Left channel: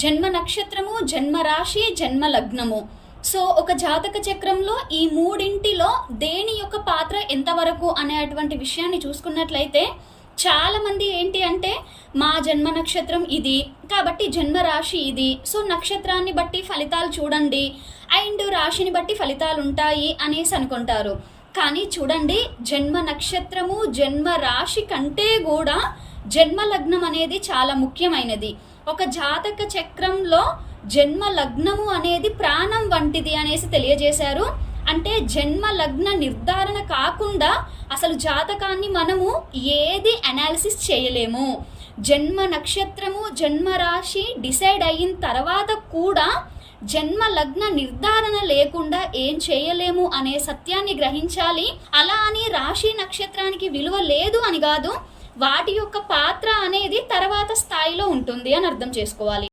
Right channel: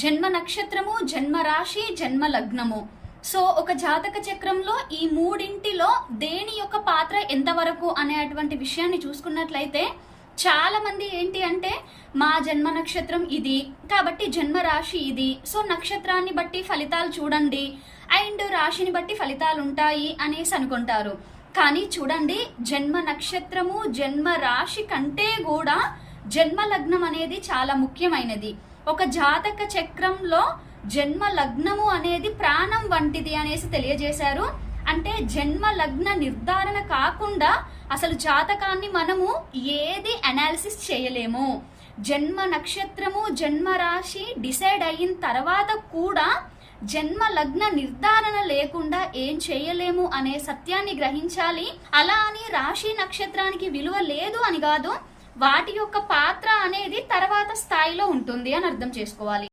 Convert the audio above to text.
జన్మ నక్షత్రము, జన్మ రాశి, జన్మ లగ్నము. సో ఒక జాతక చక్రంలో ఈ మూడింటిలో దేని యొక్క పాత్ర ఎంతవరకు అనేటువంటి విషయాన్ని చూసుకున్నట్లయితే చాలా మంది ఏంటి అంటే మా జన్మ నక్షత్రం ఇది కాబట్టి జన్మ రాశి ఇది, సో నక్షత్రాన్ని బట్టి ఫలితాలు చూడండి అండ్ రాశిని బట్టి ఫలితాలు ఉంటాయి అనేసి అనుకుంటారు. కానీ చూడండి, జన్మ నక్షత్రము, జన్మ రాశి కంటే కూడా జన్మ లగ్నం అనేది చాలా ముఖ్యమైనది. ఒక జాతక చక్రంలో జన్మ లగ్నము అనేది ప్రాణం వంటిది అనేసి తెలియజేశారు. అంటే జన్మ లగ్న నిర్ధారణ కాకుండా అసలు జాతకాన్ని మనము ఏది అనాలిసిస్ చేయలేము. జన్మ నక్షత్రము, జన్మ రాశి డిసైడ్ అయిన తర్వాత కూడా జన్మ లగ్న నిర్ధారణ లేకుండా ఏం చేయలేము అనే సత్యాన్ని గ్రహించాలి. అలా అని రాశి నక్షత్రానికి విలువ లేదు అని కాదు, వాటి యొక్క పాత్ర అనేది తర్వాత స్థాయిలో ఉంటుంది అని అర్థం చేసుకోవాలి.